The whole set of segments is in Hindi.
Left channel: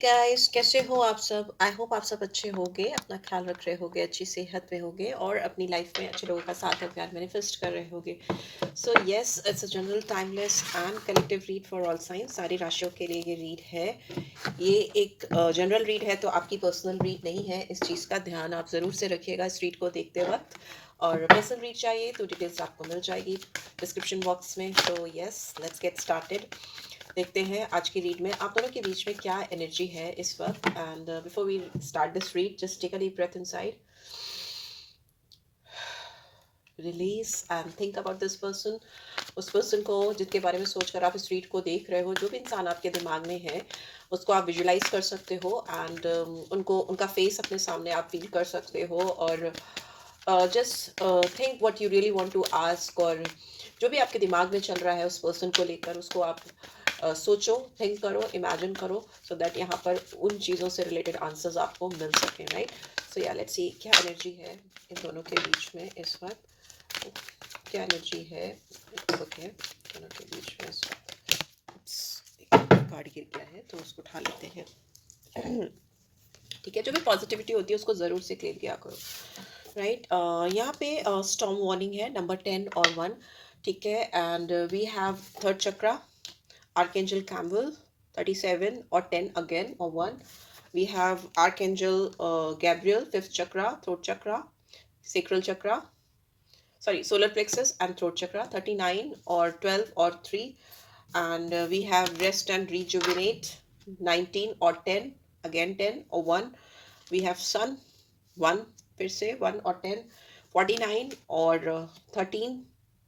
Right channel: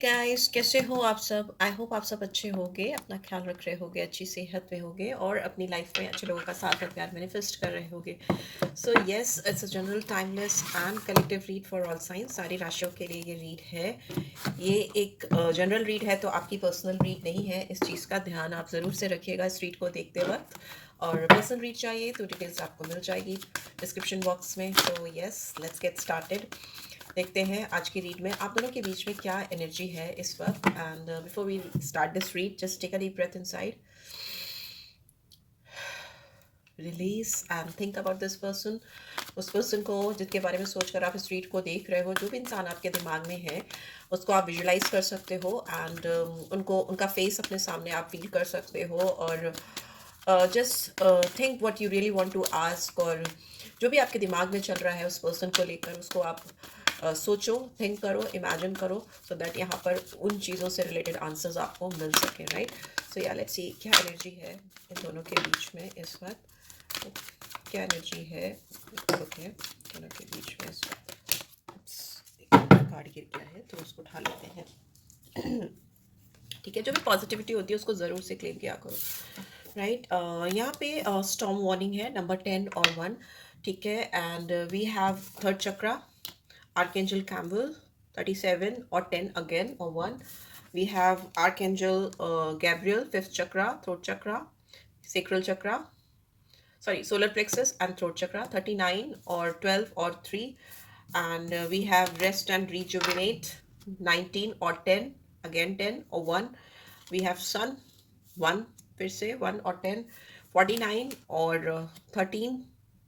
गाइस, कैसे हो आप सब? आई होप आप सब अच्छे होंगे, अपना ख्याल रख रहे होंगे, अच्छी सेहत में होंगे और अपनी लाइफ में अच्छे लोगों का साथ और प्यार मैनिफेस्ट कर रहे होंगे। So yes, it's a general timeless and collective read for all science. सारी राशियों के लिए ये रीड है। ये एक जनरल रीड है, तो आपकी पर्सनल रीड नहीं है। इस चीज़ का ध्यान आप ज़रूर से रखिएगा इस रीड को देखते वक्त। और पर्सनल रीड चाहिए तो डिटेल्स आपको मिल जाएगी डिस्क्रिप्शन बॉक्स में। तो यस, लेट्स गेट स्टार्टेड। देखते हैं आज की रीड में आप दोनों के बीच में क्या एनर्जी है इस वक्त। And before we start this read, just take a deep breath inside, release and think about this person. उस पर्सन को जिसके बारे में सोचकर आप इस रीड को देख रहे हो, जो भी इंसान आपके दिमाग में है, उसको आप विजुलाइज कर सकते हो। एंड उनको उनका फेस अपने सामने आप फील कर सकते हो। और just think what you really want to ask. और जो भी आपके दिमाग में चल रहा है उस पर्सन को लेकर, उसको आप सोचो, थिंक करो, इमेजिन करो, सो दैट यहाँ पर उन चीज़ों से रिलेटेड आंसर्स आपको मिल सकें, right? So yeah let's see क्या एनर्जी है इन दोनों के बीच में इस वक्त। क्या एनर्जी है ओके दोनों के बीच में इस वक्त। कार्ड गिर गया है तो उसको उठा लेते हैं। ठीक है, जो भी पॉजिटिविटी होती है उसको ज़रूर से क्लेम किया करो, राइट? यहाँ पे स्टॉर्म वार्निंग है नंबर 10 और 1। ठीक है, and we have third chakra, Archangel Campbell, 37 or 10 again or 1. We have Archangel Gabriel, 5th chakra, throat chakra, sacral chakra, sorry, solar plexus and throat chakra, 39 or 12 or 3. And we have Rest and Rejuvenate, 19 or 10, again 10 or 1. We have Sun, 1, फिर से 1 or 10, 49 or 13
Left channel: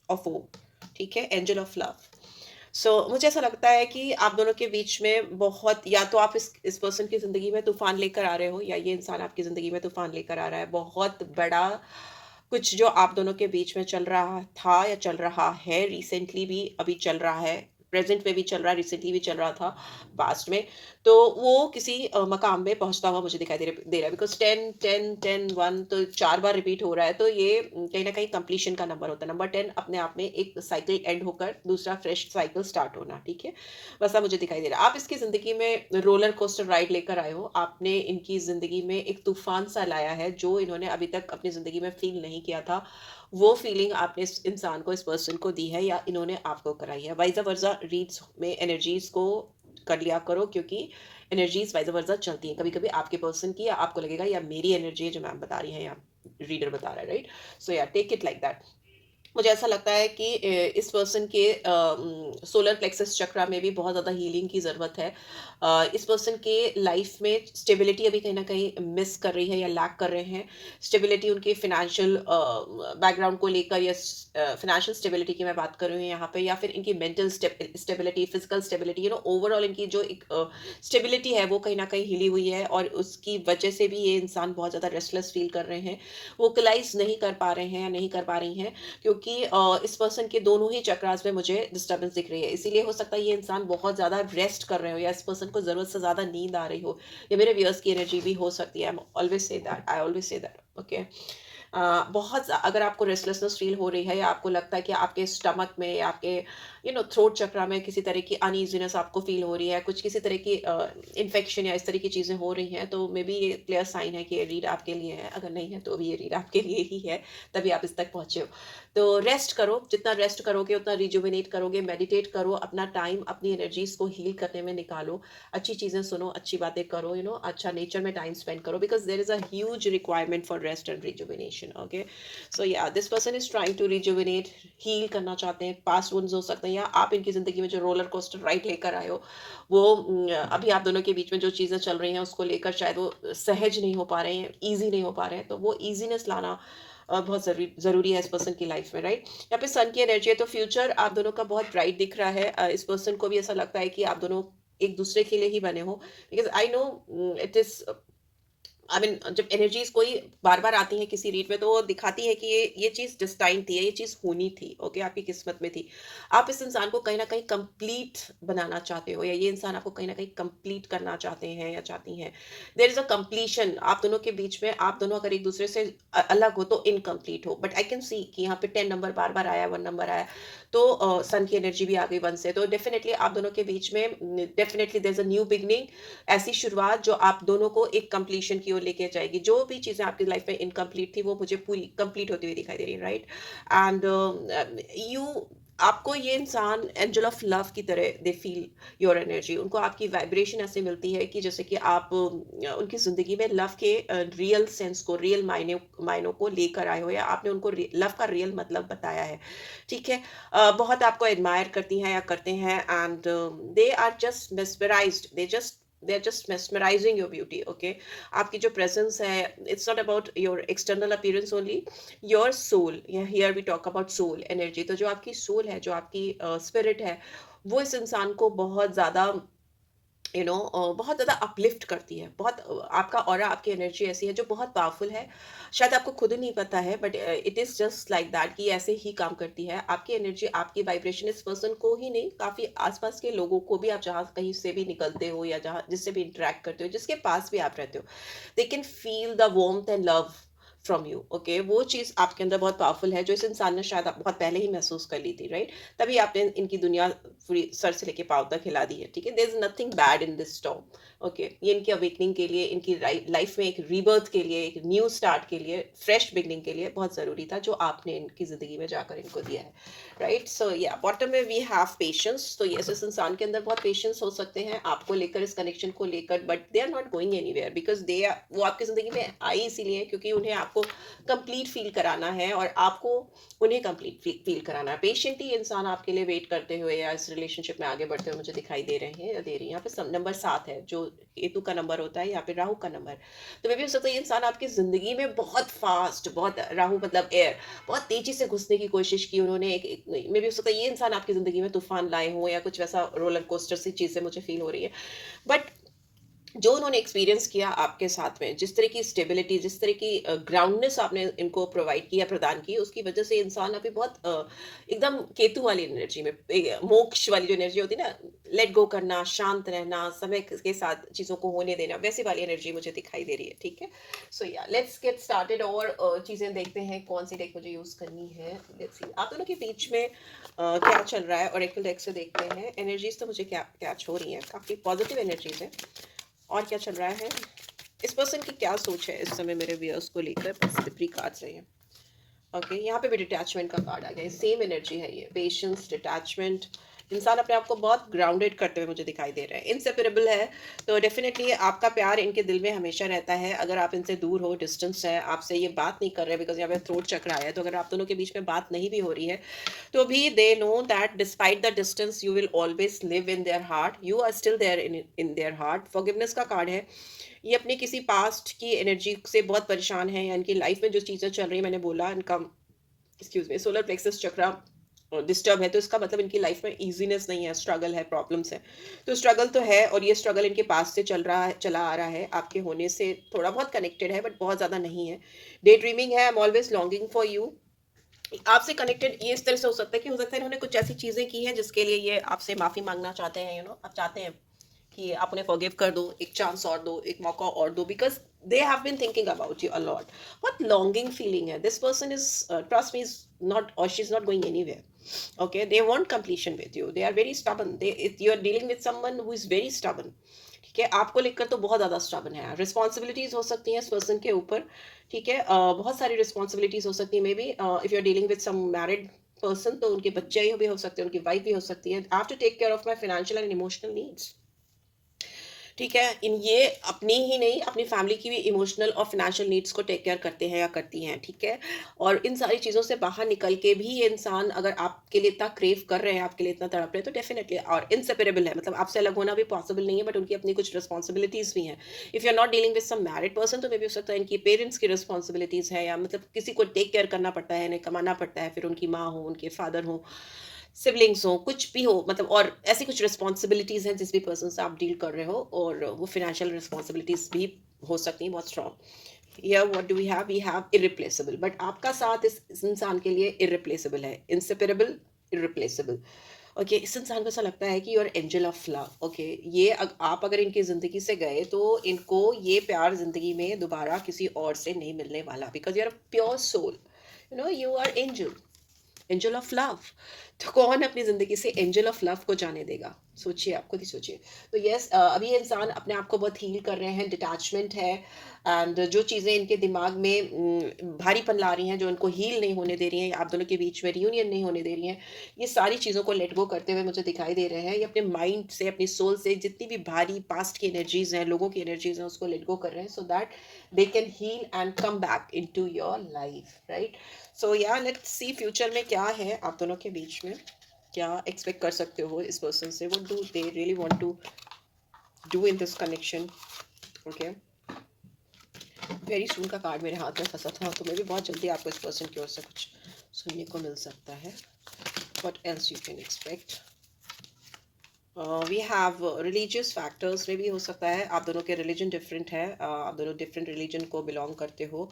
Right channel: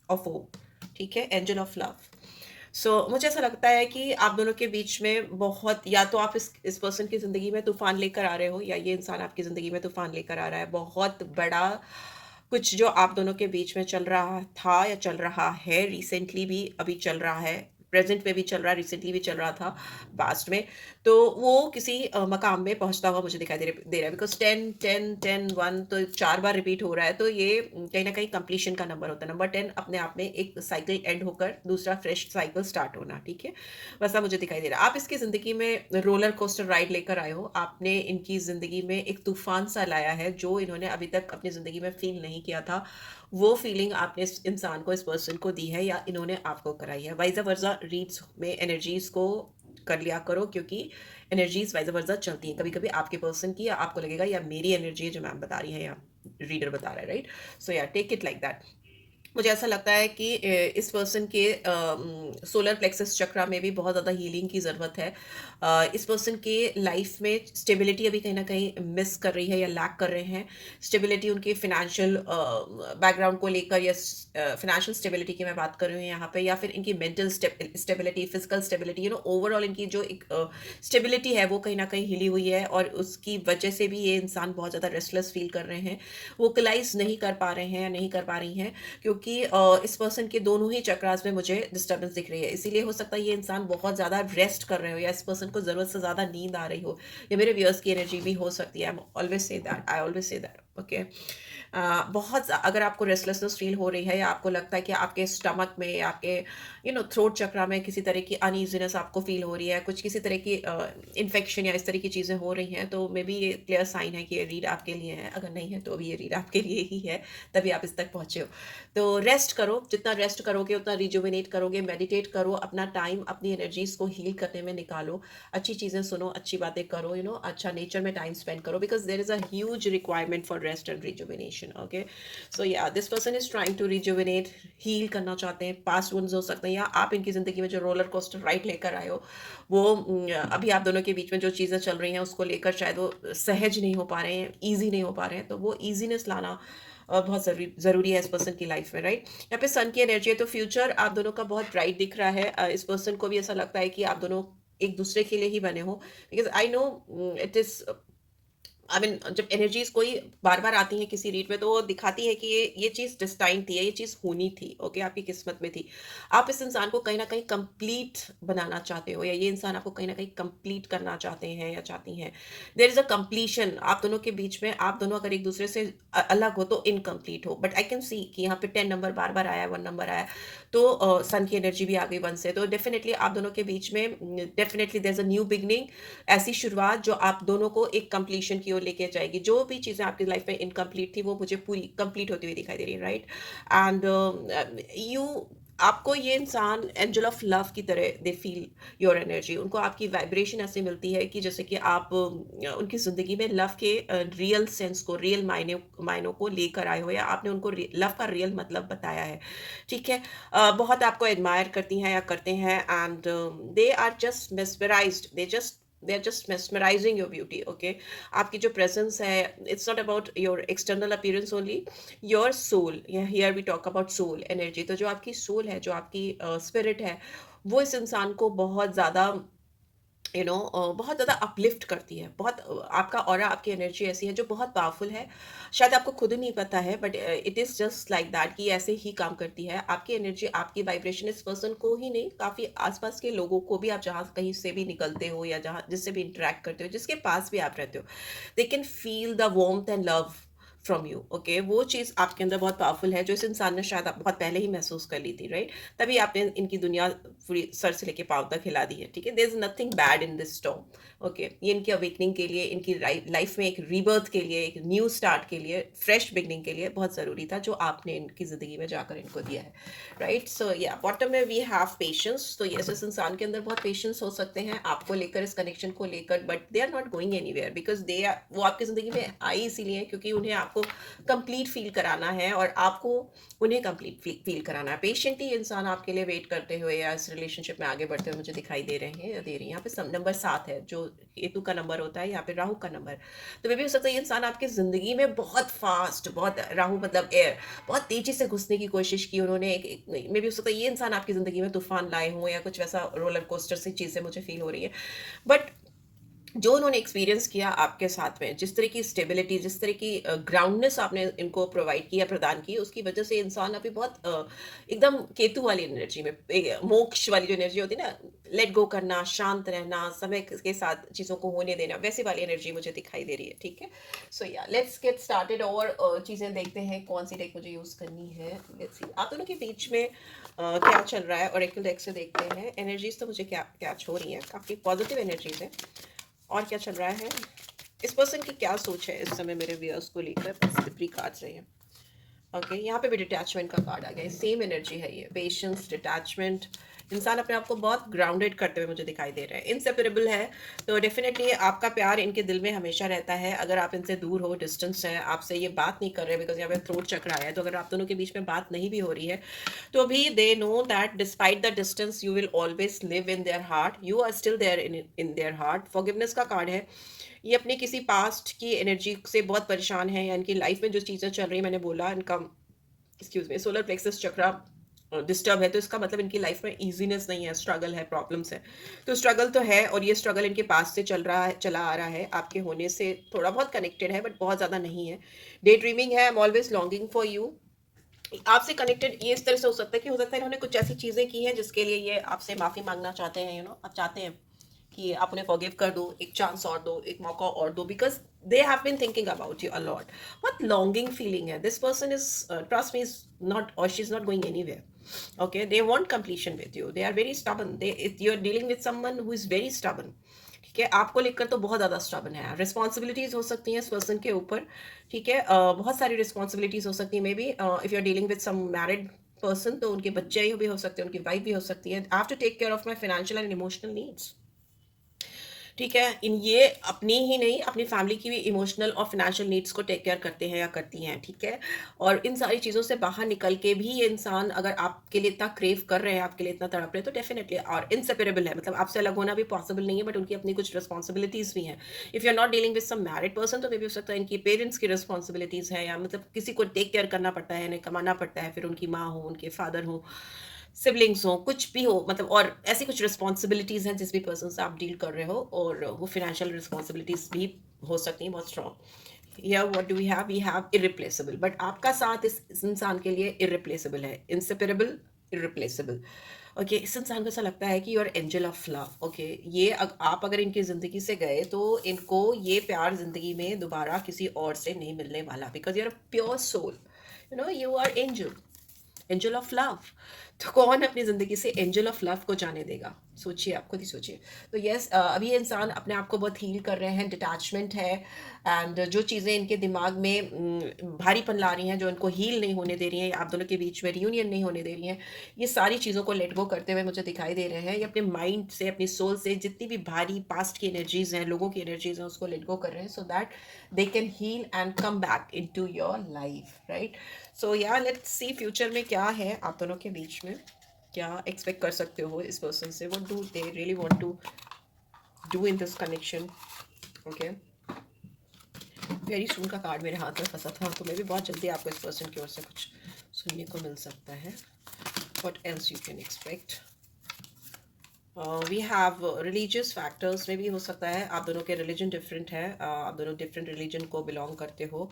or 4. ठीक है, एंजल ऑफ लव। मुझे ऐसा लगता है कि आप दोनों के बीच में बहुत, या तो आप इस पर्सन की ज़िंदगी में तूफ़ान लेकर आ रहे हो, या ये इंसान आपकी ज़िंदगी में तूफ़ान लेकर आ रहा है। बहुत बड़ा कुछ जो आप दोनों के बीच में चल रहा था या चल रहा है, रिसेंटली भी अभी चल रहा है, प्रेज़ेंट में भी चल रहा है, रिसेंटली भी चल रहा था, पास्ट में। तो वो किसी मकाम में पहुँचता हुआ मुझे दिखाई दे रहा है, बिकॉज़ 10, 10, 10, 1 तो 4 बार रिपीट हो रहा है, तो ये कहीं न कहीं कंप्लीशन का नंबर होता है। नंबर 10 अपने आप में एक साइकिल एंड होकर दूसरा फ्रेश साइकिल स्टार्ट होना, ठीक है? वैसा मुझे दिखाई दे रहा है। आप इसकी ज़िंदगी में रोलर कोस्टर राइड लेकर आए हो। आपने इनकी ज़िंदगी में एक तूफ़ान-सा लाया है, जो इन्होंने अभी तक अपनी ज़िंदगी में फ़ील नहीं किया था। वो फीलिंग आपने इस इंसान को, इस पर्सन को दी है, या इन्होंने आपको कराई है। वाइज़ वर्सा रीड्स में एनर्जीज़ को कर लिया करो, क्योंकि एनर्जीज़ वाइज़ वर्सा चलती हैं। कभी-कभी आपके पर्सन की, या आपको लगेगा या मेरी एनर्जी है जो मैम बता रही हैं या रीडर बता रहा है, राइट? सो या टेक इट लाइक दैट। मुझे ऐसा लगता है कि इस पर्सन के सोलर प्लेक्सस चक्रा में भी बहुत ज़्यादा हीलिंग की ज़रूरत है। इस पर्सन के लाइफ में स्टेबिलिटी अभी कहीं न कहीं मिस कर रही है या लैक कर रहे हैं। स्टेबिलिटी उनके फाइनेंशियल बैकग्राउंड को लेकर, या फाइनेंशियल स्टेबिलिटी की मैं बात कर रही हूँ यहाँ पे, या फिर इनकी mental stability, physical stability, overall इनकी जो एक स्टेबिलिटी है वो कहीं न कहीं हिली हुई है, और उसकी वजह से भी ये इंसान बहुत ज़्यादा रेस्टलेस फील कर रहे हैं। वोकलाइज़ नहीं कर पा रहे हैं या नहीं कर पा रही हैं, क्योंकि इस पर्सन के दोनों ही चक्रास में मुझे डिस्टर्बेंस दिख रही है। इसीलिए हो सकता है ये इंसान बहुत ज़्यादा रेस्ट कर रहे हो, या इस पर्सन को ज़रूरत से ज़्यादा नींद आ रही हो, या मेरे व्यूअर्स की एनर्जी भी हो सकती है। I always say that, okay? अगर आपको रेस्टलेसनेस फील हो रही है, या आपको लगता है कि आपके स्टमक में, या आपके थ्रोट चक्रा में किसी तरह की अनईजीनेस आपको फील हो रही है, कुछ किसी तरह की इन्फेक्शन या इस तरह की चीज़ें हो रही हैं, तो मे बी ये क्लियर साइन है कि ये रीड आपके लिए है। अगर नहीं है तो भी ये रीड आपके लिए ही है, तभी आप इस तक पहुँचे हो। तो रेस्ट करो, जितना रेस्ट करोगे उतना रिजुविनेट करोगे, मेडिटेट करो, अपना टाइम अपनी एनर्जीज़ को हील करने में निकालो, अच्छी चीज़ें सुनो, अच्छी बातें करो, अच्छा नेचर में टाइम स्पेंड करो, because there is a huge requirement for rest and rejuvenation, okay? So yeah this person is trying to rejuvenate, heal करना चाहते हैं। पास्ट वुंड्स हो सकते हैं, या आप इनकी ज़िंदगी में जो रोलर कोस्टर राइड लेकर आए हो, वो अभी आप दोनों के बीच में जो चीज़ें चल रही हैं उसको लेकर शायद वो सहज नहीं हो पा रहे हैं, ईज़ी नहीं हो पा रहे हैं, तो वो ईज़ीनेस लाना बहुत ज़रूरी है इस पर्सन की लाइफ में, राइट? यहाँ पे सन की एनर्जी है, तो फ्यूचर आप दोनों का बहुत ब्राइट दिख रहा है। इस पर्सन को भी ऐसा लगता है कि आप दोनों एक दूसरे के लिए ही बने हो, because I know it is I mean जब एनर्जीज कोई बार बार आती है किसी रीड में, तो वो दिखाती है कि ये चीज़ डिस्टाइन थी, ये चीज़ होनी थी, ओके, आपकी किस्मत में थी। आप इस इंसान को कहीं ना कहीं कंप्लीट बनाना चाहते हो, या ये इंसान आपको कहीं ना कहीं कंप्लीट करना चाहते हैं या चाहती हैं। देर इज अ कंप्लीशन आप दोनों के बीच में। आप दोनों अगर एक दूसरे से अलग हो तो इनकम्प्लीट हो, बट आई कैन सी कि यहाँ पे 10 नंबर बार बार आया, 1 नंबर आया, तो सन की एनर्जी भी आ गई 1 से, तो डेफिनेटली आप दोनों के बीच में definitely there is a new beginning, ऐसी शुरुआत जो आप दोनों को एक कंप्लीशन की ओर लेके जाएगी। जो भी चीज़ें आपकी लाइफ में इनकम्प्लीट थी वो मुझे पूरी कंप्लीट होती हुई दिखाई दे रही है, राइट? एंड यू आपको ये इंसान एंजल ऑफ लव की तरह दे फील योर एनर्जी। उनको आपकी वाइब्रेशन ऐसे मिलती है कि जैसे कि आप उनकी ज़िंदगी में लव के रियल सेंस को, रियल मायनों को लेकर आए हो, या आपने उनको लव का रियल मतलब बताया है, ठीक है? बहुत आपको एडमायर करती हैं या करते हैं, and they are just mesmerised, they are just mesmerising your beauty, okay? आपकी जो प्रेजेंस है, it's not about your external appearance only, your soul, here we talk about soul energy. तो जो आपकी सोल है, जो आपकी स्पिरिट है, वो इस इंसान को बहुत ज़्यादा बहुत ज़्यादा अपलिफ्ट करती है। बहुत आपका ऑरा, आपकी एनर्जी ऐसी है जो बहुत पावरफुल है। शायद आपको खुद नहीं पता है, but it is just like that कि ऐसे ही काम करती है। आपकी एनर्जी, आपकी वाइब्रेशन इस पर्सन को ही नहीं, काफ़ी आसपास के लोगों को भी, आप जहाँ कहीं से भी निकलते हो या जहाँ जिससे भी इंटरेक्ट करते हो, जिसके पास भी आप रहते हो, they can feel the warmth and love from you, okay? वो चीज़ आपके अंदर बहुत पावरफुल है, जो इस इंसान ने शायद बहुत पहले ही महसूस कर ली थी, राइट? तभी आपने इनकी दुनिया पूरी सर से लेके पाँव तक हिला दी है, ठीक है? There is nothing bad in this storm, okay? ये इनकी अवेकनिंग के लिए, इनकी लाइफ में एक रीबर्थ के लिए, एक न्यू स्टार्ट के लिए, फ्रेश बिगनिंग के लिए बहुत ज़रूरी था, जो आपने इनकी ज़िंदगी में जाकर इनको दिया है, राइट? सो या बॉटम में वी हैव पेशेंस। तो यस, इस इंसान के अंदर बहुत पेशेंस हो सकते हैं आपको लेकर, इस कनेक्शन को लेकर, but they are not going anywhere, because they are, वो आपकी ज़िंदगी में आई इसीलिए क्योंकि उन्हें आपको कंप्लीट फील कराना है, और आपको उन्हें कंप्लीट फील कराना है। पेशेंटली इंसान आपके लिए वेट करते हुए या इस रिलेशनशिप में आगे बढ़ते हुए मुझे दिखाई दे रहे हैं या दे रही हैं। यहाँ पे नंबर 7 है, जो केतु का नंबर होता है, यहाँ पे राहु का नंबर। तो मे भी हो सकता है ये इंसान आपकी ज़िंदगी में बहुत फास्ट, बहुत, राहु मतलब एयर, बहुत तेज़ी से घुसने की कोशिश की उन्होंने। मे भी हो सकता है ये इंसान आपकी ज़िंदगी में तूफान लाए हों, या कुछ वैसा रोलर कोस्टर सी चीज़ें मुझे फील हो रही है। बट जो उन्होंने एक्सपीरियंस किया आपके साथ में, जिस तरह की स्टेबिलिटी, जिस तरह की ग्राउंडनेस आपने इनको प्रोवाइड किया, प्रदान की, उसकी वजह से इंसान अभी बहुत एकदम केतु वाली एनर्जी में, मोक्ष वाली जो एनर्जी होती है ना, लेट गो करना, शांत रहना, समय के साथ चीज़ों को होने देना, वैसी वाली एनर्जी मुझे दिखाई दे रही है, ठीक है? सो या लेट्स गेट स्टार्टेड, और चीज़ें देखते हैं कौन सी डेक मुझे यूज़ करनी है। लेट्स सी आप दोनों के बीच में क्या चल रहा है, और एक डेक से देखते हैं एनर्जीज। तो मुझे क्या कैच हो रही है, काफ़ी पॉजिटिव एनर्जीज है। और क्या चल रहा है, इस पर्सन की क्या सोच है इस समय मेरे व्यूअर्स को लेकर, स्लिपरी कार्ड्स है ये, ओके? यहाँ पे भी डिटैचमेंट का कार्ड आ गया, सेम एनर्जी है ये, पेशेंस, डिटैचमेंट। इंसान अपने आप को बहुत ग्राउंडेड करते हुए मुझे दिखाई दे रहा है, इनसेपरेबल है। तो डेफिनेटली आपका प्यार इनके दिल में हमेशा रहता है। अगर आप इनसे दूर हो, डिस्टेंस है, आपसे ये बात नहीं कर रहे, बिकॉज यहाँ पे थ्रोट चक्र आया है, तो अगर आप दोनों के बीच में बात नहीं भी हो रही है, तो भी they know that despite the distance you will always live in their heart, you are still there in their heart. Forgiveness का कार्ड है। ये अपनी किसी पास्ट की एनर्जी से बहुत परेशान है, या इनकी लाइफ में जो चीज़ें चल रही है, मैंने बोला इनका, एक्सक्यूज मी, सोलर प्लेक्सस चक्रा डिस्टर्ब है, तो इसका मतलब इनकी लाइफ में इजीनेस नहीं है, स्ट्रगल है, प्रॉब्लम्स है। तो स्ट्रगल तो है, और ये स्ट्रगल इनके पास से चला आ रहा है, आपके होने से थोड़ा बहुत कनेक्टेड है, बट बहुत ज़्यादा नहीं है। डे ड्रीमिंग है, I am always longing for you. आपसे कनेक्टेड ये इस तरह से हो सकता है कि हो सकता है इन्होंने कुछ ऐसी चीज़ें की हैं जिसके लिए ये आपसे माफ़ी मांगना चाहते हैं, आप चाहते हैं कि आप उन्हें फॉरगिव कर दो, एक चांस और दो, एक मौका और दो, because they have been thinking about you a lot. बहुत लॉन्गिंग फीलिंग है, this person is, trust me, is not, और she is not going anywhere, okay? They want completion with you, they are very stubborn, they you are dealing with someone who is very stubborn, ठीक है? आपको लेकर तो बहुत ज़्यादा स्टबन है। रिस्पॉन्सिबिलिटीज़ हो सकती हैं इस पर्सन के ऊपर, ठीक है? बहुत सारी रिस्पॉन्सिबिलिटीज़ हो सकती हैं, maybe if you are dealing with some married person, तो उनके बच्चे भी हो सकते हैं, उनकी वाइफ भी हो सकती है। I have to take care of my financial and emotional needs, ठीक है? इन ये अपनी ही नहीं, अपनी फैमिली की भी इमोशनल और फाइनेंशियल नीड्स को टेक केयर करते हैं या करती हैं, ठीक है? और इन सारी चीज़ों से बाहर निकल के भी ये इंसान अगर आपके लिए इतना क्रेव कर रहे हैं, आपके लिए इतना तड़प रहे हैं, तो डेफिनेटली, और इनसेपरेबल है, मतलब आपसे अलग होना भी पॉसिबल नहीं है, बट उनकी अपनी कुछ रिस्पॉन्सिबिलिटीज़ भी हैं। If you are not dealing with some married person, तो मे बी हो सकता है इनकी पेरेंट्स की रिस्पॉन्सिबिलिटीज़ है, या मतलब किसी को टेक केयर करना पड़ता है, इन्हें कमाना पड़ता है, फिर उनकी माँ हो, उनके फादर हो, सिबलिंग्स हो, कुछ भी हो, मतलब और ऐसी कुछ रिस्पॉन्सिबिलिटीज़ हैं जिस भी पर्सन से आप डील कर रहे हो, और वो फाइनेंशियल रिस्पॉन्सिबिलिटीज़ भी हो सकती हैं बहुत स्ट्रॉन्ग। या what do we have irreplaceable, but आपका साथ इस इंसान के लिए इरिप्लेसेबल है, इंसेपरेबल, इरिप्लेसेबल। ओके, इस इंसान को ऐसा लगता है कि your angel of love. Okay, ये आप अगर इनकी ज़िंदगी से गए तो इनको ये प्यार ज़िंदगी में दोबारा किसी और से नहीं मिलने वाला, because you are a pure soul, you know, you are angel, angel of love. तो कौन अपनी ज़िंदगी से एंजल ऑफ लव को जाने देगा? सोचिए, आप खुद ही सोचिए। तो यस, अभी ये इंसान अपने आप को बहुत हील कर रहे हैं, डिटैचमेंट है, एंड जो चीज़ें इनके दिमाग में भारीपन ला रही हैं, जो इनको हील नहीं होने दे रही हैं, आप दोनों के बीच में रियूनियन नहीं होने दे रही हैं, ये सारी चीज़ों को लेट गो करते हुए मुझे दिखाई दे रहे हैं। ये अपने माइंड से, अपनी सोल से जितनी भी भारी पास्ट की एनर्जीज हैं, लोगों की एनर्जीज हैं, उसको लेट गो कर रहे हैं, so that they can heal and come back into your life, right? So yeah let's C future में क्या है आप दोनों के बीच में, क्या एक्सपेक्ट कर सकते हो इस पर्सन से, what do they really want to do in this connection. Okay, very soon का कार्ड मेरे हाथ में फंसा था, तो मैं भी बहुत जल्दी आपको इस पर्सन की ओर से कुछ सुनने को मिल सकता है। What else you can expect? We have religious factors में भी हो सकता है, आप दोनों के रिलीजन डिफरेंट है, आप दोनों डिफरेंट रिलीजन को बिलोंग करते हो।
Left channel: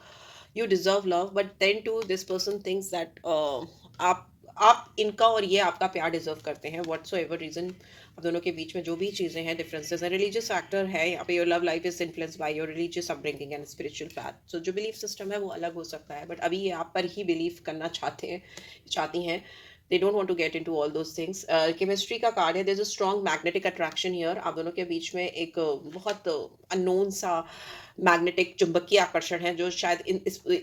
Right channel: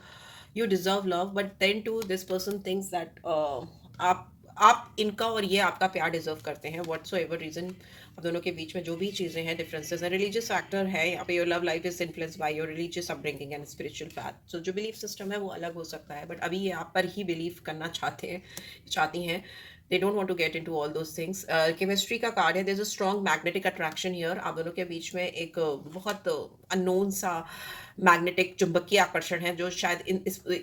You deserve love, but then too this person thinks that आप इनका और ये आपका प्यार डिजर्व करते हैं, व्हाट सो एवर रीजन। आप दोनों के बीच में जो भी चीज़ें हैं, डिफरेंसेस हैं, रिलीजियस फैक्टर है यहाँ पे। Your love life is influenced by your religious upbringing and spiritual fact. So जो बिलीफ सिस्टम है वो अलग हो सकता है, बट अभी ये आप पर ही बिलीव करना चाहती हैं। They don't want to get into all those things. Chemistry का कार्ड है, there's a strong magnetic attraction here। आप दोनों के बीच में एक बहुत अननोन सा मैग्नेटिक चुंबकीय आकर्षण है, जो शायद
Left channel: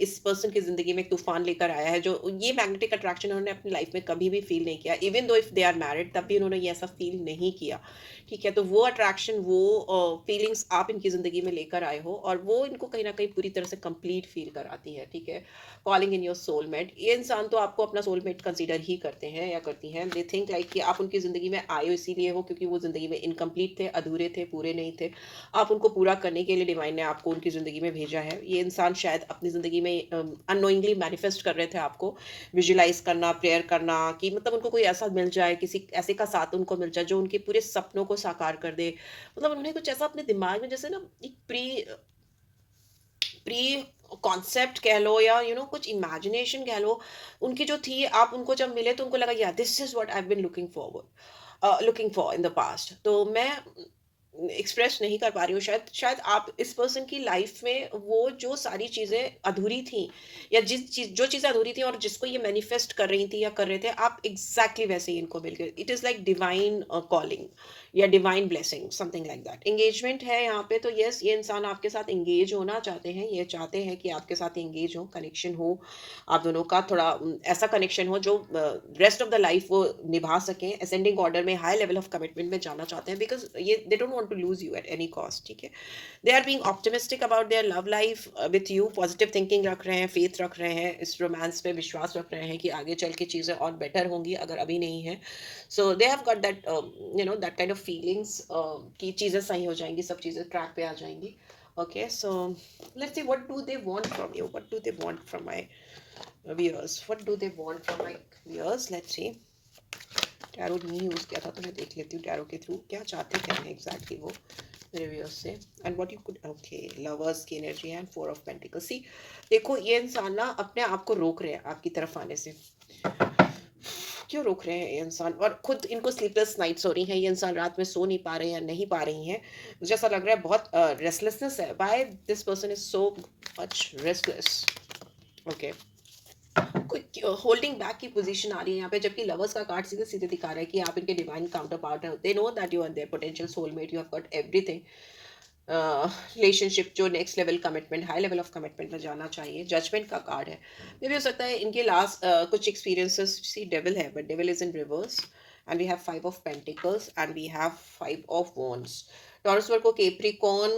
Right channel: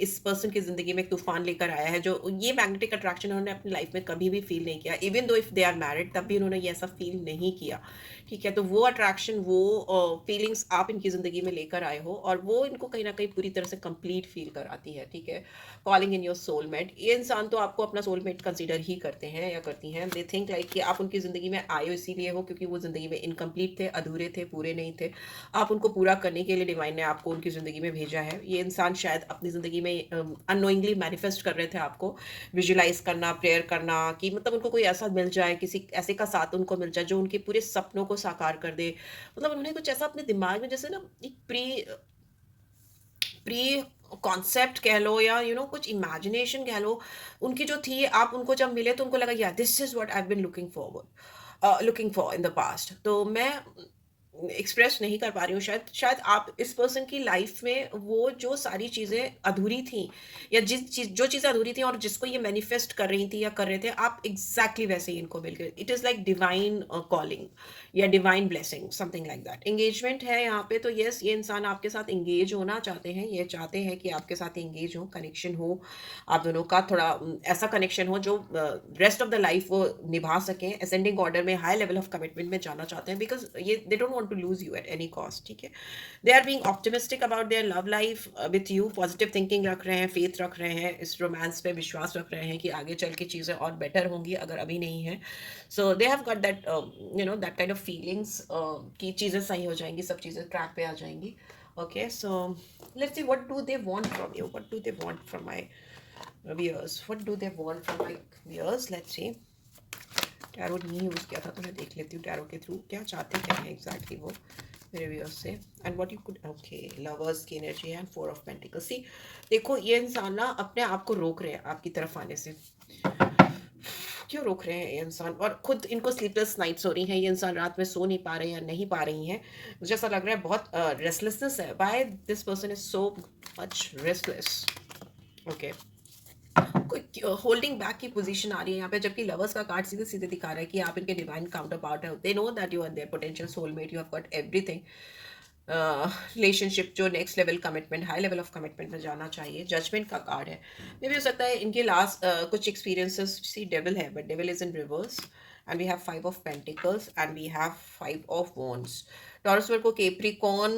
इस पर्सन की ज़िंदगी में एक तूफान लेकर आया है। जो ये मैग्नेटिक अट्रैक्शन उन्होंने अपनी लाइफ में कभी भी फील नहीं किया, even though if they are married, तब भी उन्होंने ये ऐसा फील नहीं किया। ठीक है, तो वो अट्रैक्शन, वो फीलिंग्स आप इनकी ज़िंदगी में लेकर आए हो, और वो इनको कहीं ना कहीं पूरी तरह से कंप्लीट फील कराती है। ठीक है, कॉलिंग इन योर सोलमेट। ये इंसान तो आपको अपना सोलमेट कंसीडर ही करते हैं या करती हैं। दे थिंक लाइक कि आप उनकी ज़िंदगी में आए हो इसीलिए हो क्योंकि वो ज़िंदगी में इनकम्प्लीट थे, अधूरे थे, पूरे नहीं थे। आप उनको पूरा करने के लिए डिवाइन ने आपको उनकी ज़िंदगी में भेजा है। ये इंसान शायद अपनी ज़िंदगी में अननोइंगली मैनिफेस्ट कर रहे थे आपको, विजुलाइज करना, प्रेयर करना, कि मतलब उनको कोई ऐसा मिल जाए, किसी ऐसे का साथ उनको मिल जाए जो उनके पूरे सपनों को साकार कर दे। मतलब उन्होंने कुछ ऐसा अपने दिमाग में, जैसे ना एक प्री प्री कॉन्सेप्ट कह लो, या कुछ इमेजिनेशन कह लो, उनकी जो थी, आप उनको जब मिले तो उनको लगा या this is what I have been looking for in the past. तो मैं एक्सप्रेस नहीं कर पा रही हूँ, शायद शायद आप इस पर्सन की लाइफ में वो जो सारी चीज़ें अधूरी थी, या जो चीज़ें अधूरी थी और जिसको ये मैनिफेस्ट कर रही थी या कर रहे थे, आप एग्जैक्टली वैसे ही इनको मिल गए। It is like divine calling या divine blessing, something like that. Engagement है यहाँ पे, तो यस, ये इंसान आपके साथ एंगेज होना चाहते हैं, ये चाहते हैं कि आपके साथ एंगेज हो, कनेक्शन हो आप दोनों का, थोड़ा ऐसा कनेक्शन हो जो रेस्ट ऑफ द लाइफ वो निभा सकें, असेंडिंग ऑर्डर में हाई लेवल ऑफ कमिटमेंट में जाना चाहते हैं, बिकॉज ये they don't want to lose you at any cost. ठीक है, they are being optimistic about their love life with you, positive thinking रख रहे हैं, फेथ रख रहे हैं, इस रोमांस पे विश्वास रख रहे हैं कि आगे चल के चीज़ें और बेटर होंगी अगर अभी नहीं है। So they have got that that kind of feelings कि चीज़ें सही हो जाएंगी, सब चीज़ें ट्रैक पे आ जाएंगी। Okay, so let's see what do they want from you, what do they want from my viewers, what do they want from my viewers? Let's see। Tarot नहीं यूज़ किया था तो मैं देख लेती हूँ टैरो के थ्रू क्या चाहते क्या है एग्जैक्टली वो मेरे व्यूअर्स से। And what you could, okay, lovers की एनर्जी है एंड फोर ऑफ पेंटिकल्स। सी, देखो, ये इंसान ना अपने आप को रोक रहे हैं आपकी तरफ आने से। क्यों रोक रहे हैं ये इंसान? और खुद इनको स्लीपलेस नाइट्स हो रही हैं, ये इंसान रात में सो नहीं पा रहे हैं या नहीं पा रही हैं, मुझे ऐसा लग रहा है बहुत रेस्टलेसनेस है। Why this person is so much restless? Okay, कोई होल्डिंग बैक की पोजीशन आ रही है यहाँ पे, जबकि लवर्स का कार्ड सीधे सीधे दिखा रहा है कि आप इनके डिवाइन काउंटर पार्ट है। They know that you are their potential soulmate, you have got everything. Relationship जो next level commitment, high level of commitment में जाना चाहिए। जजमेंट का कार्ड है, मे भी हो सकता है इनके लास्ट कुछ एक्सपीरियंसेस, सी डेविल है but devil is in reverse, and we have five of pentacles and we have five of wands. Taurus Virgo Capricorn,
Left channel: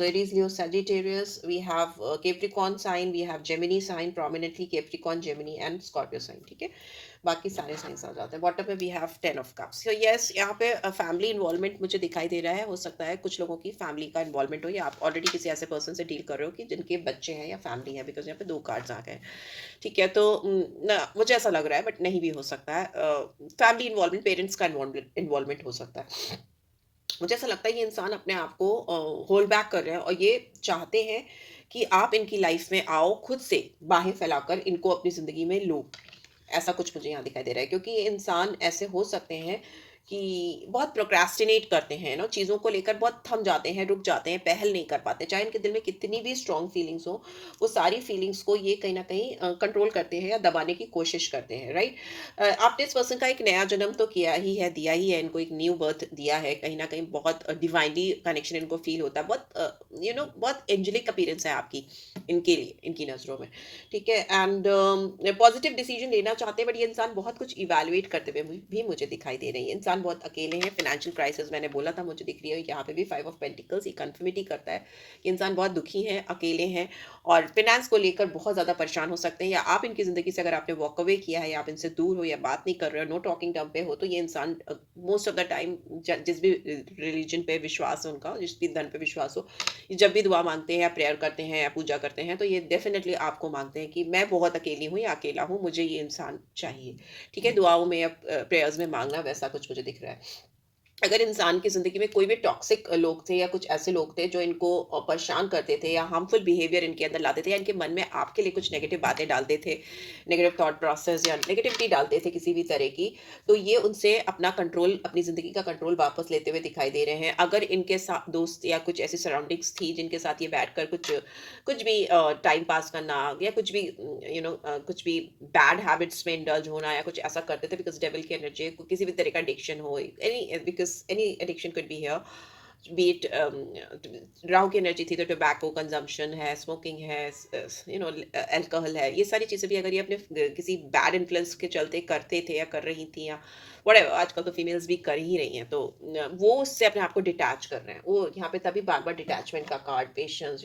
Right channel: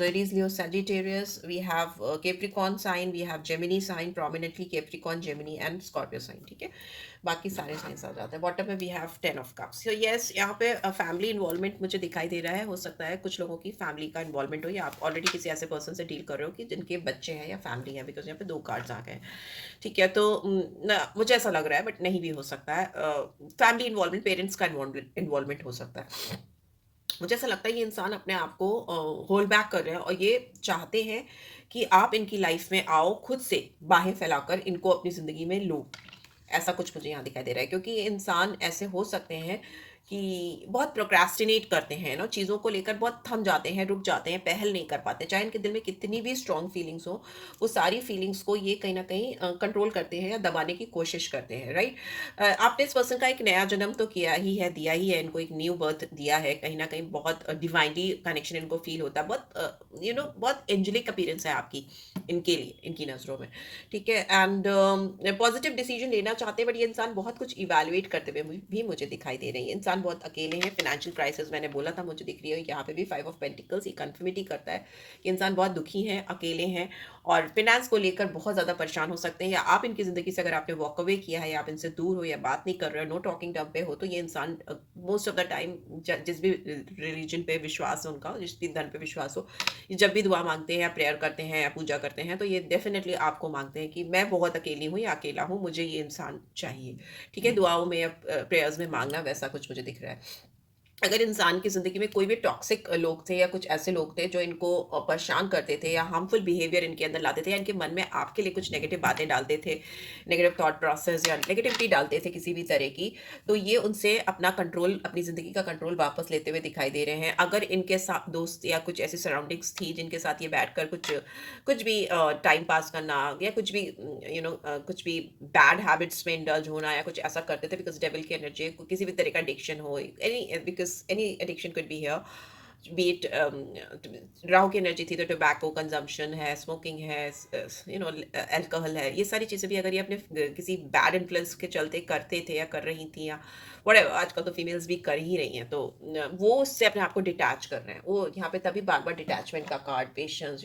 Aries Leo Sagittarius, we have Capricorn sign, we have Gemini sign, prominently Capricorn, Gemini and Scorpio sign। ठीक है, बाकी सारे साइंस आ जाते हैं। बॉटम में वी हैव 10 ऑफ कप्स। तो यस, यहाँ पे फैमिली इन्वॉल्वमेंट मुझे दिखाई दे रहा है। हो सकता है कुछ लोगों की फैमिली का इन्वॉल्वमेंट हो, या आप ऑलरेडी किसी ऐसे पर्सन से डील कर रहे हो कि जिनके बच्चे हैं या फैमिली है, बिकॉज यहाँ पे दो कार्ड्स आ गए। ठीक है, तो मुझे ऐसा लग रहा है, बट नहीं भी हो सकता है। फैमिली इन्वॉल्वमेंट, पेरेंट्स का इन्वॉल्वमेंट हो सकता है। मुझे ऐसा लगता है ये इंसान अपने आप को होल्ड बैक कर रहे हैं और ये चाहते हैं कि आप इनकी लाइफ में आओ, खुद से बाहें फैलाकर इनको अपनी ज़िंदगी में लो। ऐसा कुछ मुझे यहाँ दिखाई दे रहा है, क्योंकि ये इंसान ऐसे हो सकते हैं कि बहुत प्रोक्रेस्टिनेट करते हैं ना, चीज़ों को लेकर बहुत थम जाते हैं, रुक जाते हैं, पहल नहीं कर पाते। चाहे इनके दिल में कितनी भी स्ट्रॉन्ग फीलिंग्स हो, वो सारी फीलिंग्स को ये कहीं न कहीं कंट्रोल करते हैं या दबाने की कोशिश करते हैं, राइट? आपने इस पर्सन का एक नया जन्म तो किया ही है, दिया ही है, इनको एक न्यू बर्थ दिया है। कहीं न कहीं बहुत डिवाइनली कनेक्शन इनको फ़ील होता है। बहुत बहुत एंजेलिक अपीयरेंस है आपकी इनके लिए, इनकी नज़रों में। ठीक है, एंड पॉजिटिव डिसीजन लेना चाहते हैं, बट ये इंसान बहुत कुछ इवैल्यूएट करते हुए भी मुझे दिखाई दे रही है। इंसान बहुत अकेले हैं, फाइनेंशियल क्राइसिस मैंने बोला था मुझे दिख रही है, यहाँ पे भी 5 ऑफ पेंटिकल्स ये कन्फर्मिटी करता है कि इंसान बहुत दुखी हैं, अकेले हैं और फिनेंस को लेकर बहुत ज़्यादा परेशान हो सकते हैं। या आप इनकी ज़िंदगी से अगर आपने वॉक अवे किया है या आप इनसे दूर हो या बात नहीं कर रहे हो, नो टॉकिंग टर्म पे हो, तो ये इंसान मोस्ट ऑफ द टाइम जिस भी रिलीजन पे विश्वास है उनका, जिस भी धर्म पे विश्वास हो, जब भी दुआ मांगते हैं या प्रेयर करते हैं या पूजा करते हैं, तो ये डेफिनेटली आपको मांगते हैं कि मैं बहुत अकेली हूँ या अकेला हूँ, मुझे ये इंसान चाहिए। ठीक है, दुआओं में या प्रेयर्स में मांगना वैसा कुछ मुझे दिख रहा है। अगर इंसान की ज़िंदगी में कोई भी टॉक्सिक लोग थे या कुछ ऐसे लोग थे जो इनको परेशान करते थे या हार्मफुल बिहेवियर इनके अंदर लाते थे या इनके मन में आपके लिए कुछ नेगेटिव बातें डालते थे, नेगेटिव थॉट प्रोसेस या नेगेटिविटी डालते थे किसी भी तरह की, तो ये उनसे अपना कंट्रोल, अपनी ज़िंदगी का कंट्रोल वापस लेते हुए दिखाई दे रहे हैं। अगर इनके साथ दोस्त या कुछ ऐसी सराउंडिंग्स थी जिनके साथ ये बैठकर कुछ कुछ भी टाइम पास करना या कुछ भी कुछ भी बैड हैबिट्स में इंडल्ज होना या कुछ ऐसा करते थे, बिकॉज डेविल की एनर्जी, किसी भी तरह का एडिक्शन हो, any, because any addiction could be here, B it Rahu की एनर्जी थी तो टोबैको कंजम्पशन है, स्मोकिंग है, अल्कोहल है, ये सारी चीज़ें भी अगर ये अपने किसी बैड इन्फ्लुएंस के चलते करते थे या कर रही थी या whatever, आजकल तो फीमेल्स भी कर ही रही हैं, तो वो उससे अपने आप को डिटैच कर रहे हैं। वो यहाँ पे तभी बार बार डिटैचमेंट का card, patience,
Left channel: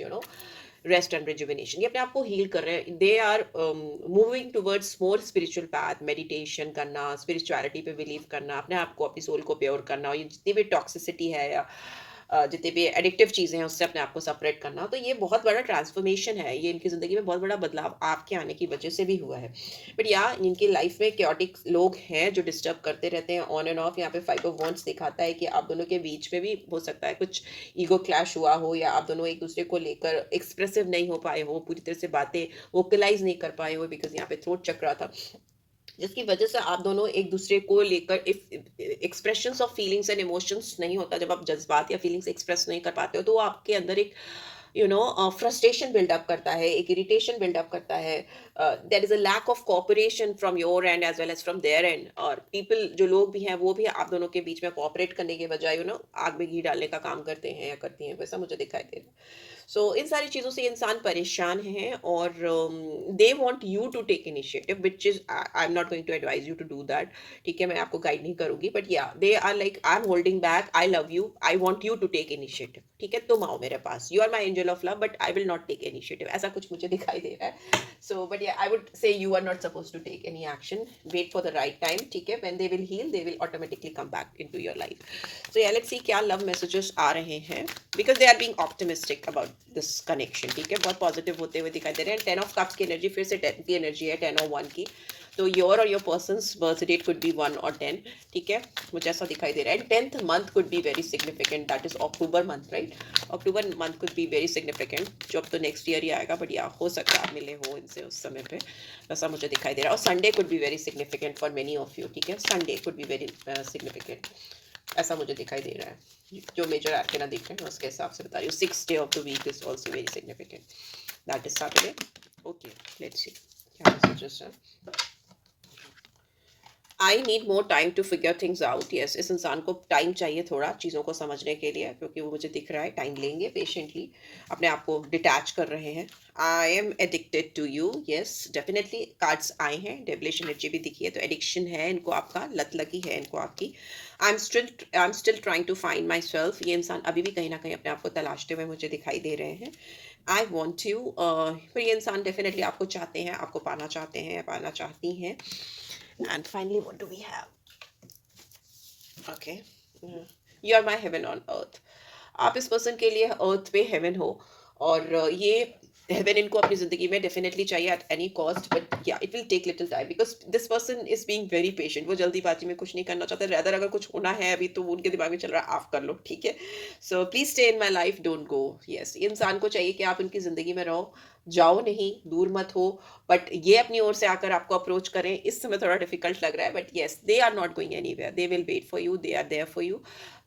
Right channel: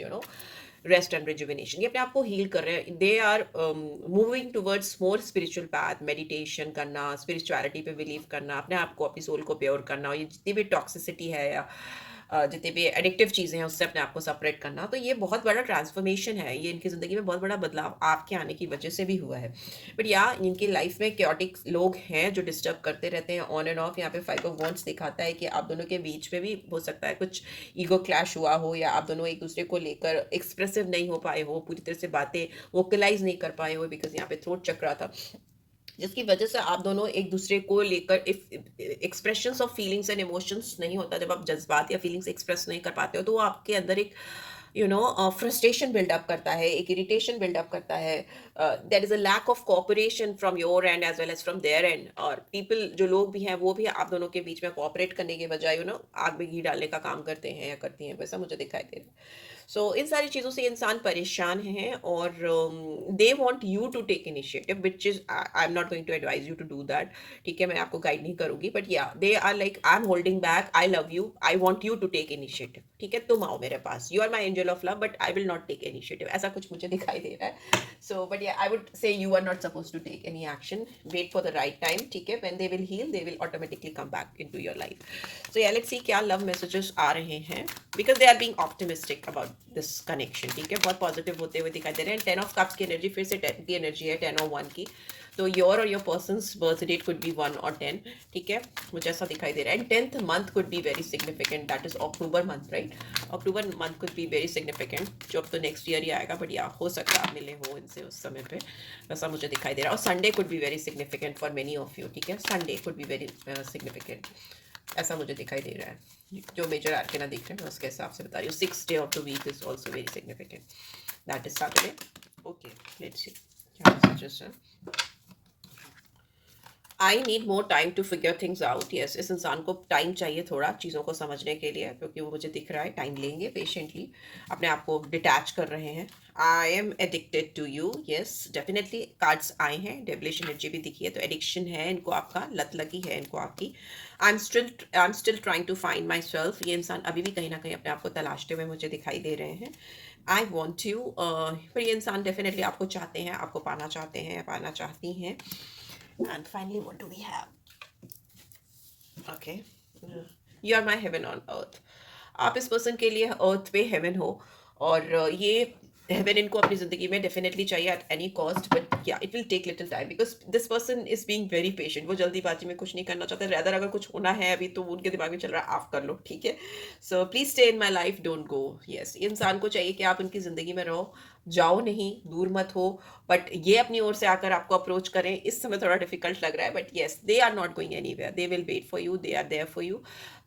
rest and rejuvenation, ये अपने आप को हील कर रहे हैं। They are moving towards more spiritual path, meditation करना, स्पिरिचुअलिटी पे बिलीव करना, अपने आप को, अपनी सोल को प्योर करना, और ये जितनी भी टॉक्सिसिटी है या जितनी भी एडिक्टिव चीज़ें हैं उससे अपने आप को सेपरेट करना, तो ये बहुत बड़ा ट्रांसफॉर्मेशन है। ये इनकी ज़िंदगी में बहुत बड़ा बदलाव आपके आने की वजह से भी हुआ है। बट या इनकी लाइफ में क्योटिक लोग हैं जो डिस्टर्ब करते रहते हैं ऑन एंड ऑफ। यहाँ पे 5 ऑफ वॉन्ड्स दिखाता है कि आप दोनों के बीच में भी हो सकता है कुछ ईगो क्लैश हुआ हो या आप दोनों एक दूसरे को लेकर एक्सप्रेसिव नहीं हो पाए हो, पूरी तरह से बातें वोकलाइज नहीं कर पाए हो, बिकॉज यहाँ पे थ्रोट चक्रा था, जिसकी वजह से आप दोनों एक दूसरे को लेकर expressions of feelings and emotions नहीं होता। जब आप जज्बात या फीलिंग्स एक्सप्रेस नहीं कर पाते हो तो वो आपके अंदर एक फ्रस्ट्रेशन बिल्डअप करता है, एक इरिटेशन बिल्डअप करता है। There is a lack of cooperation from your end as well as from their end, और पीपल जो लोग भी हैं वो भी आप दोनों के बीच में कोऑपरेट करने के बजाय आग में घी डालने का काम करते हैं या करती हैं, वैसा मुझे दिखाई दे रहा है। सो इन सारी चीज़ों से इंसान परेशान है और they want you to take initiative, which is I am not going to advise you to do that. ठीक है, मैं आपको गाइड नहीं करूंगी, but yeah they are like I am holding back, I love you, I want you to take initiative. ठीक है, तुम आओ मेरे पास, you are my angel of love, but I will not take initiative, ऐसा कुछ मुझे दिखाई दे रहा है। So but yeah I would say you are not supposed to take any action, wait for the right time. ठीक है, when they will heal they will automatically come back into your life. So yeah let's see क्या लव मैसेजेस आ रहे हैं, because they are being optimistic about this connection. ठीक है, बहुत पॉजिटिव होते हुए दिखाई दे रहे हैं। 10 ऑफ कप्स की एनर्जी, फिर से 10 की एनर्जी है, 10 और 1 की, तो योर और your person's birth date could be 1 और 10। ठीक है, मुझे ऐसा दिखाई दे रहा है। 10th month could be very significant, that is October month, right? October month could be very significant, जो अब तो नेक्स्ट ईयर ही आएगा, बट या हो सकता है आप मिले हो इनसे उस समय पे, वैसा मुझे दिखाई दे रहा है। और Sunday could be very significant for many of you. ठीक है, Sunday could be very significant, ऐसा मुझे दिखाई दे रहा है। जो मेजर आर्केना दिख रहे हैं उसके हिसाब से बता रही हूँ। 6th day of the week is also very significant, that is Saturday. Okay, let's see क्या मैसेजेस हैं। I need more time to figure things out. Yes, इस इंसान को टाइम चाहिए थोड़ा चीज़ों को समझने के लिए, क्योंकि वो मुझे दिख रहा है टाइम लेंगे पेशेंटली, अपने आप को डिटैच कर रहे हैं। I am addicted to you. Yes, definitely cards आए हैं, डेविलिश एनर्जी भी दिखी है, तो एडिक्शन है इनको, आपका लत लगी है इनको आपकी। I am still trying to find my myself इंसान अभी भी कहीं ना कहीं अपने आप को तलाशते हुए मुझे दिखाई दे रहे हैं। आई वॉन्ट यू, पर ये इंसान डेफिनेटली आपको चाहते हैं, आपको पाना चाहते हैं, पाना चाहती हैं। And finally, what do we have? Okay. You are my heaven on earth. आप इस पर्सन के लिए अर्थ पे हेवन हो, और ये हेवन इनको अपनी ज़िंदगी में डेफिनेटली चाहिए at any cost, but yeah it will take little time because this person is being very patient. वो जल्दीबाजी में कुछ नहीं करना चाहते, रैदर अगर कुछ होना है अभी तो उनके दिमाग में चल रहा है आप कर लो, ठीक है। So please stay in my life, don't go. Yes, इंसान को चाहिए कि आप उनकी ज़िंदगी में रहो, जाओ नहीं, दूर मत हो। बट ये अपनी ओर से आकर आपको अप्रोच करें, इस समय थोड़ा डिफिकल्ट लग रहा है, but yes they are not going anywhere, they will wait for you, they are there for you,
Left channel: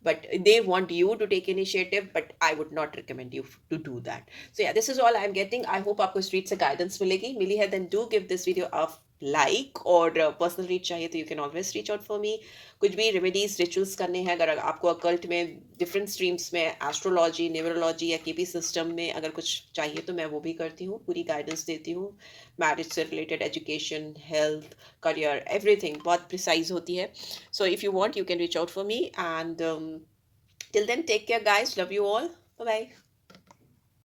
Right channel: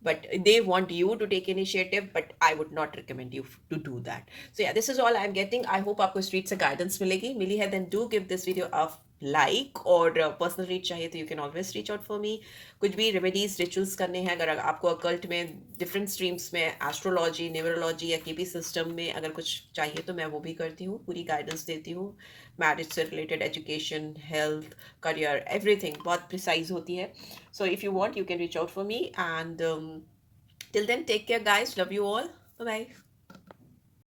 but they want you to take initiative, but I would not recommend you to do that. So yeah, this is all I'm getting. I hope आपको street से guidance मिली है, then do give this video a like, और पर्सनल रीच चाहिए तो you can always reach out for me. कुछ भी रेमेडीज रिचुअल्स करने हैं, अगर आपको अकल्ट में डिफरेंट स्ट्रीम्स में एस्ट्रोलॉजी, न्यूमरोलॉजी या केपी सिस्टम में अगर कुछ चाहिए तो मैं वो भी करती हूँ, पूरी गाइडेंस देती हूँ। मैरिज से related, education, health, career, everything बहुत प्रिसाइज होती है। So if you want, you can reach out for me. And till then, take care, guys. Love you all. Bye bye.